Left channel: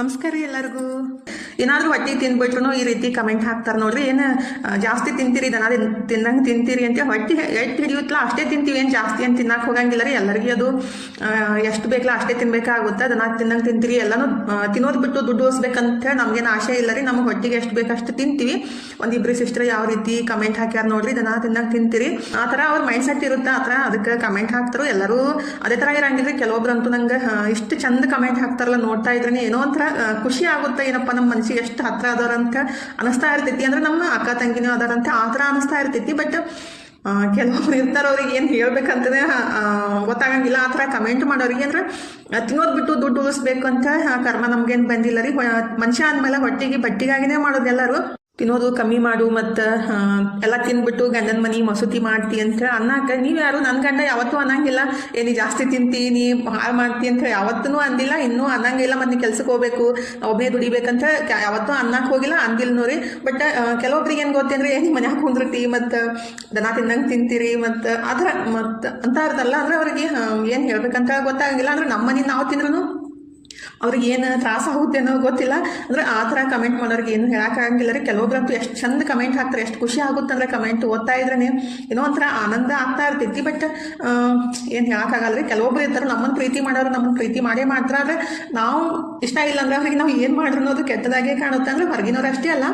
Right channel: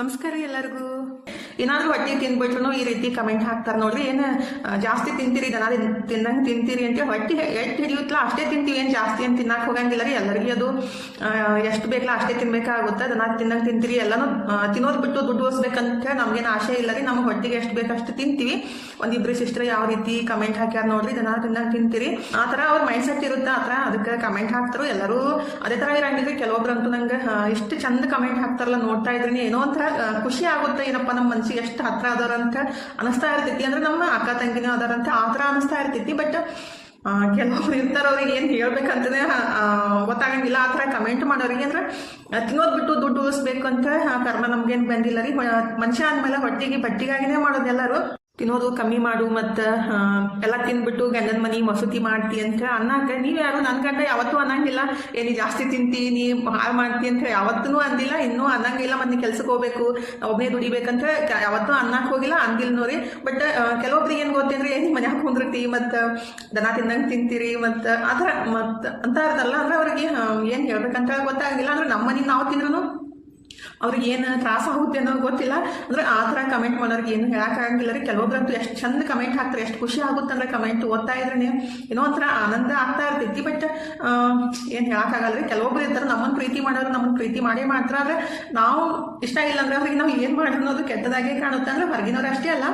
ನಮಸ್ಕಾರ ರೀ ಎಲ್ಲರಿಗೂ. ಏನಾದರೂ ಹೊಟ್ಟೆ ತಿಂದ್ಬಿಟ್ರು ಈ ರೀತಿ ಕಮೆಂಟ್ ಹಾಕ್ತಾರೆ ನೋಡ್ರಿ. ಏನು ಜಾಸ್ತಿ ತಿಂತೀರಿ, ದನ ತಿನ್ನಂಗೆ ತಿಂತೀರಿ ಅಂತ. ಹೊಟ್ಟೆ ಎಷ್ಟು ಹಿಡಿಯುತ್ತಲ್ಲ ಅಷ್ಟೇ ತಿಂತೀವಿ, ಏನು ಜಾಸ್ತಿ ಏನು ತಿನ್ನಕ್ಕೆ ಹೋಗಂಗಿಲ್ಲ ರೀ. ಎಲ್ಲರಿಗೂ ಅದು ಎಷ್ಟು ಬೇಕಲ್ಲ ಅಷ್ಟೇ ತಿನ್ಬೇಕಾಗುತ್ತೆ. ದನ ತಿನ್ನಂಗೆ ತಿಂತೀರಿ, ಎಲ್ಲನೂ ತಿನ್ನೋದು ಬಿಟ್ಟು ದುಡ್ಡು ಓಡಿಸ್ಬೇಕಂತ ನಮಗೇನು ಆಸೆ ಇಲ್ಲ ರೀ. ನಮಗೆ ಹೊಟ್ಟೆಗೆ ಎಷ್ಟು ಬೇಕಷ್ಟು ತಿಂತೀವಿ. ಒಂದಿಬ್ಬರು ಸಿಸ್ಟರ್ ಯಾವ ರೀತಿ ಕಮೆಂಟ್ ಹಾಕ್ಯಾರ ನೋಡ್ರಿ, ದನ ತಿನ್ನಂಗೆ ತಿಂತೀರಿ ಆ ಥರ ಅವ್ರ ಮೈಂಡ್ ಸೆಟ್ ಇರುತ್ತೆ. ಆ ಥರ ಅದಕ್ಕೆ ಕಮೆಂಟ್ ಹಾಕ್ತಾರೆ. ಎಲ್ಲರೂ ಅದೇ ಥರ ಇರಂಗಿದ್ರೆ ಕೆಲವೊಬ್ರಂತೂ ನಂಗೆ ಇಷ್ಟು ಚಂದ ಕಮೆಂಟ್ ಹಾಕ್ತಾರಲ್ಲ, ನೋಡ್ತಾ ಇದ್ರೇನೆ ಏನೋ ಒಂಥರ ಖುಷಿ ಆಗುತ್ತೆ. ಏನಪ್ಪ ನಮ್ಮ ಮನಸ್ಸಿಗೆ ಎಷ್ಟು ಹತ್ರ ಅದಾರಂತ ಅನಿಸ್ತಾ ಇರ್ತೈತಿ. ಅಂದ್ರೆ ನಮ್ಮ ಅಕ್ಕ ತಂಗಿನೂ ಅದಾರಂತ ಆ ಥರ ಅನಿಸ್ತಾ ಇರ್ತೈತಿ. ಬಟ್ ಕೆಲವೊಬ್ರು ಇರ್ತಾರೆ, ಅವ್ರಿಗೆ ಏನು ಹೇಳ್ಬೇಕಂತನೇ ಗೊತ್ತಾಗಂಗಿಲ್ಲ. ಆ ಥರ ಕಮೆಂಟ್ ಮಾಡೋರಿಗೆ ಅಂದ್ರೆ ತಿನ್ನೋದು ಬಿಟ್ಟು ದುಡ್ಡು ಉಳಿಸ್ಬೇಕು ಅಂತ ಕರ್ಮ ನಮ್ಗೇನು ಬಂದಿಲ್ಲ ರೀ. ಮನುಷ್ಯ ಅಂದಮೇಲೆ ಹೊಟ್ಟಿಗೆ ಬಟ್ಟಿಗಾಗಿನೇ ಮಾಡೋದು ಎಲ್ಲರೂ. ತಿನ್ನೋದು ಕಮ್ಮಿ ಮಾಡು ಮತ್ತು ಎಲ್ಲ ತಿನ್ಬಿಟ್ಟು ಗಂಡನ ಮನೆ ಮಸೂತಿ ಮಾಡ್ತಿ ಅಂತ ಅನ್ನಕ ನೀವು ಯಾರು ನನ್ನ ಗಂಡ ಯಾವತ್ತೂ ಅನ್ನಂಗಿಲ್ಲ. ಏನಿ ಜಾಸ್ತಿ ತಿಂತಿ, ನೀ ಹಾಳು ಮಾಡ್ತಿ ಅಂತ ಯಾವತ್ತೂ ಅಂದಿಲ್ಲ, ಇನ್ನೂ ಅನ್ನಂಗಿಲ್ಲ. ಮತ್ತು ನೀವು ಕೆಲ್ಸಕ್ಕೆ ಹೋಗ್ಬೇಕು, ಒಬ್ಬನೇ ದುಡಿಬೇಕಂತ ಯಾವತ್ತೂ ಅನ್ನಕ್ಕೆ ಹೋಗಿಲ್ಲ, ಅಂದಿಲ್ಲ ನೋಡಿ. ಬಟ್ ಕೆಲವೊಬ್ರಿಗೆ ಏನು ಗೊತ್ತೇಂದ್ರೆ ಏನು ಮನ್ಯಾಗ ಕುಂದಿರ್ತಿ ಮತ್ತು ದನ ತಿನ್ನಂಗೆ ತಿಂತೀರಿ ಮತ್ತು ಆ ಥರ ಮತ್ತು ಅಂತ ಇರ್ತಲ್ಲ. ಅಂದರೆ ಅವ್ರಿಗೆ ಏನು ಹೇಳ್ಬೇಕಂತ ಗೊತ್ತಾಗಿಲ್ಲ. ಅಂದ್ರೆ ನಮ್ಮ ಮನೆ ನಾವು ತಿಂದ್ರೂ ಅವ್ರಿಗೆ ಏನು ತ್ರಾಸ ಆಗುತ್ತೆ ಅನ್ನೋ ಗೊತ್ತಿಲ್ಲ. ಅಂದರೆ ಆ ಥರ ಕಮೆಂಟ್ ಮಾಡೋರಿಗೆ ಏನು ಹೇಳೋಕ್ಕಾಗಂಗಿಲ್ಲ ರೀ. ಕೆಲವೊಬ್ರಂತೂ ಎಷ್ಟು ಚಂದ ಕಮೆಂಟ್ ಹಾಕ್ತಾರೆ, ಎಷ್ಟು ಖುಷಿ ಆಗುತ್ತೆ ಅಂದರೆ ಕಮೆಂಟ್ ಓದ್ತಾ ಇದ್ರೇ ಏನೋ ಒಂಥರ ಆನಂದ ಆಗ್ತಾ ಇರ್ತೈತಿ. ಬಟ್ ಏನು ಹೇಳೋಕ್ಕಾಗಲ್ಲ ರೀ. ಕೆಲವೊಬ್ರು ಇರ್ತಾರೆ ನಮ್ಮನ್ನು ಪ್ರೀತಿ ಮಾಡೋರು ನಮ್ಮನ್ನು ಪ್ರೀತಿ ಮಾಡೇ ಮಾಡ್ತಾರೆ. ಆದರೆ ನಾವು ಇಷ್ಟ ಇಲ್ಲ ಅಂದ್ರೆ ಅವ್ರಿಗೆ ನಾವು ಏನು ಮಾಡಿದ್ರು ಅನ್ನೋದು ಕೆಟ್ಟದಾಗೆ ಕಾಣುತ್ತೆ. ಅಂದರೆ ಹೊರಗಿನವ್ರು ಅಷ್ಟೇ ಅಲ್ಲ,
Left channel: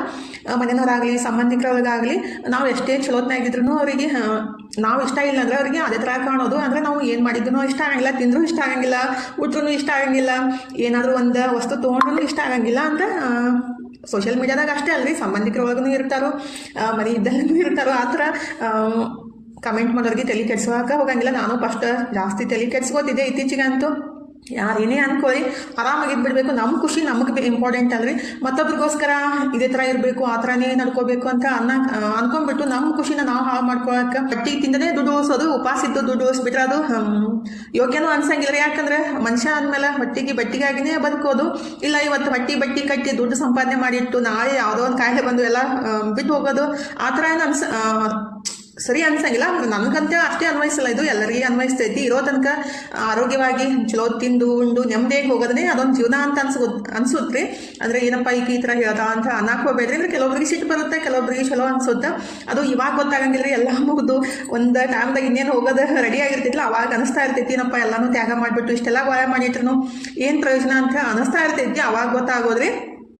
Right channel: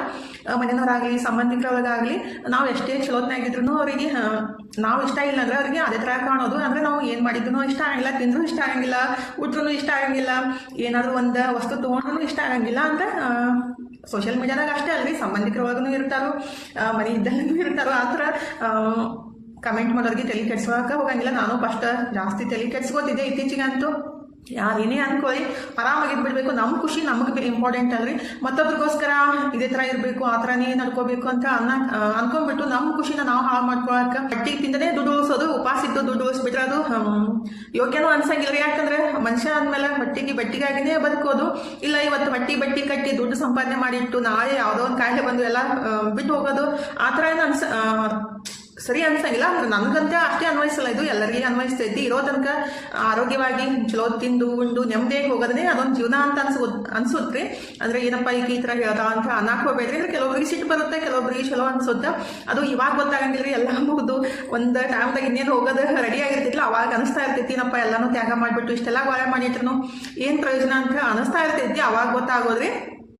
ಮನೆಯವ್ರಾಗಲಿ ಸಂಬಂಧಿಕರಿಗಾಗಲಿ ನಾವು ಎಷ್ಟೇ ಚಲೋತ್ನಾಗಿದ್ರು ಅವರಿಗೆ ನಾವು ಇಷ್ಟ ಇಲ್ಲ ಅಂದ್ರೆ ಅವರಿಗೆ ಅದೇ ಥರ ಕಾಣೋದು. ಅಂದರೆ ನಾವು ಏನು ಮಾಡಿದ್ರು ಇಷ್ಟ ಆಗಂಗಿಲ್ಲ, ತಿಂದರೂ ಇಷ್ಟ ಆಗಂಗಿಲ್ಲ, ಊಟರೂ ಇಷ್ಟ ಆಗಂಗಿಲ್ಲ, ಏನಾದರೂ ಒಂದು ವಸ್ತು ತೊಗೊಂಡ್ರೂ ಇಷ್ಟ ಆಗಂಗಿಲ್ಲ ಅಂತ ಸೋಷಿಯಲ್ ಮೀಡಿಯಾದಾಗ ಅಷ್ಟೇ ಅಲ್ರಿ, ಸಂಬಂಧಿಕರೊಳಗೂ ಇರ್ತಾರೋ, ಮನೆ ಇದ್ದಲ್ಲೂ ಇರ್ತಾರೋ. ಆ ಥರ ಕಮೆಂಟ್ ಮಾಡೋರಿಗೆ ತಲೆ ಕೆಡ್ಸೋಕೆ ಹೋಗಂಗಿಲ್ಲ. ನಾನು ಫಸ್ಟ್ ಜಾಸ್ತಿ ತಲೆ ಕೆಡ್ಸ್ಕೋತಿದ್ದೆ. ಇತ್ತೀಚೆಗಂತೂ ಯಾರೇನೇ ಅನ್ಕೋರಿ ಆರಾಮಾಗಿದ್ಬಿಡ್ಬೇಕು. ನಮ್ಮ ಖುಷಿ ನಮಗೆ ಇಂಪಾರ್ಟೆಂಟ್ ಅಲ್ರಿ. ಮತ್ತೊಬ್ರಿಗೋಸ್ಕರ ಇದೇ ಥರ ಇರಬೇಕು, ಆ ಥರನೇ ನಡ್ಕೋಬೇಕು ಅಂತ ಅನ್ಕೊಂಡ್ಬಿಟ್ಟು ನಮ್ಮ ಖುಷಿನ ನಾವು ಹಾಳು ಮಾಡ್ಕೊಳಕ್ಕೆ ಬಟ್ಟಿ ತಿಂದನೇ ದುಡ್ಡು ಉಳಿಸೋದು, ಉಪವಾಸ ಇದ್ದು ದುಡ್ಡು ಉಳಿಸ್ಬಿಟ್ರೆ ಅದು ಯೋಗ್ಯನೂ ಅನ್ಸಂಗಿಲ್ಲ. ಯಾಕಂದ್ರೆ ಮನುಷ್ಯ ಅಂದಮೇಲೆ ಹೊಟ್ಟಿಗೆ ಬಟ್ಟಿಗಾಗಿನೇ ಬದುಕೋದು. ಇಲ್ಲ ಇವತ್ತು ಬಟ್ಟಿ ಕಟ್ಟಿ ದುಡ್ಡು ಸಂಪಾದನೆ ಮಾಡಿಟ್ಟು ನಾಳೆ ಯಾವುದೋ ಒಂದು ಕಾಯಿಲೆ ಬಂದು ಎಲ್ಲ ಬಿಟ್ಟು ಹೋಗೋದು, ಆ ಥರ ಏನು ಸರಿ ಅನ್ಸಂಗಿಲ್ಲ. ನನಗಂತ ಅಷ್ಟೇ ಅನ್ವಯಿಸಲ್ಲ, ಇದು ಎಲ್ಲರಿಗೆ ಅನ್ವಯಿಸ್ತೈತಿ. ಇರೋ ತನಕ ಆರೋಗ್ಯವಾಗಿ ಚಲೋ ತಿಂದು ಉಂಡು ನೆಮ್ಮದಿಯಾಗಿ ಹೋಗೋದೇ ಅದೊಂದು ಜೀವನ ಅಂತ ಅನ್ಸುತ್ತೆ. ಅಂದರೆ ಏನಪ್ಪ ಈ ಥರ ಹೇಳ್ತಾ ಅಂತ ಅನ್ನಕ್ಕೆ ಹೋಗ್ಬೇಡ್ರಿ. ಅಂದರೆ ಕೆಲವೊಬ್ರಿಗೆ ಸಿಟ್ಟು ಬರುತ್ತೆ, ಕೆಲವೊಬ್ರಿಗೆ ಚಲೋ ಅನ್ಸುತ್ತೆ. ಅದು ಇವಾಗ ಗೊತ್ತಾಗಂಗಿಲ್ಲ ರೀ. ಎಲ್ಲ ಮುಗಿದು ಒಂದು ಟೈಮ್ದಾಗ ಇನ್ನೇನು ಹೋಗೋದು ರೆಡಿ ಆಗಿರ್ತಿಲ್ಲ, ಅವಾಗ ಅನಿಸ್ತಾ ಇರ್ತೈತಿ ಏನಪ್ಪ ಎಲ್ಲನೂ ತ್ಯಾಗ ಮಾಡಿಬಿಟ್ಟು ಇಷ್ಟೆಲ್ಲ ಗಾಯ ಮಾಡಿಟ್ರು ಏನು ಪ್ರಯೋಜನ ಅಂತ ಅನಿಸ್ತಾ ಇರ್ತೈತಿ. ಅವಾಗ ಗೊತ್ತಾಗೋದ್ರಿ.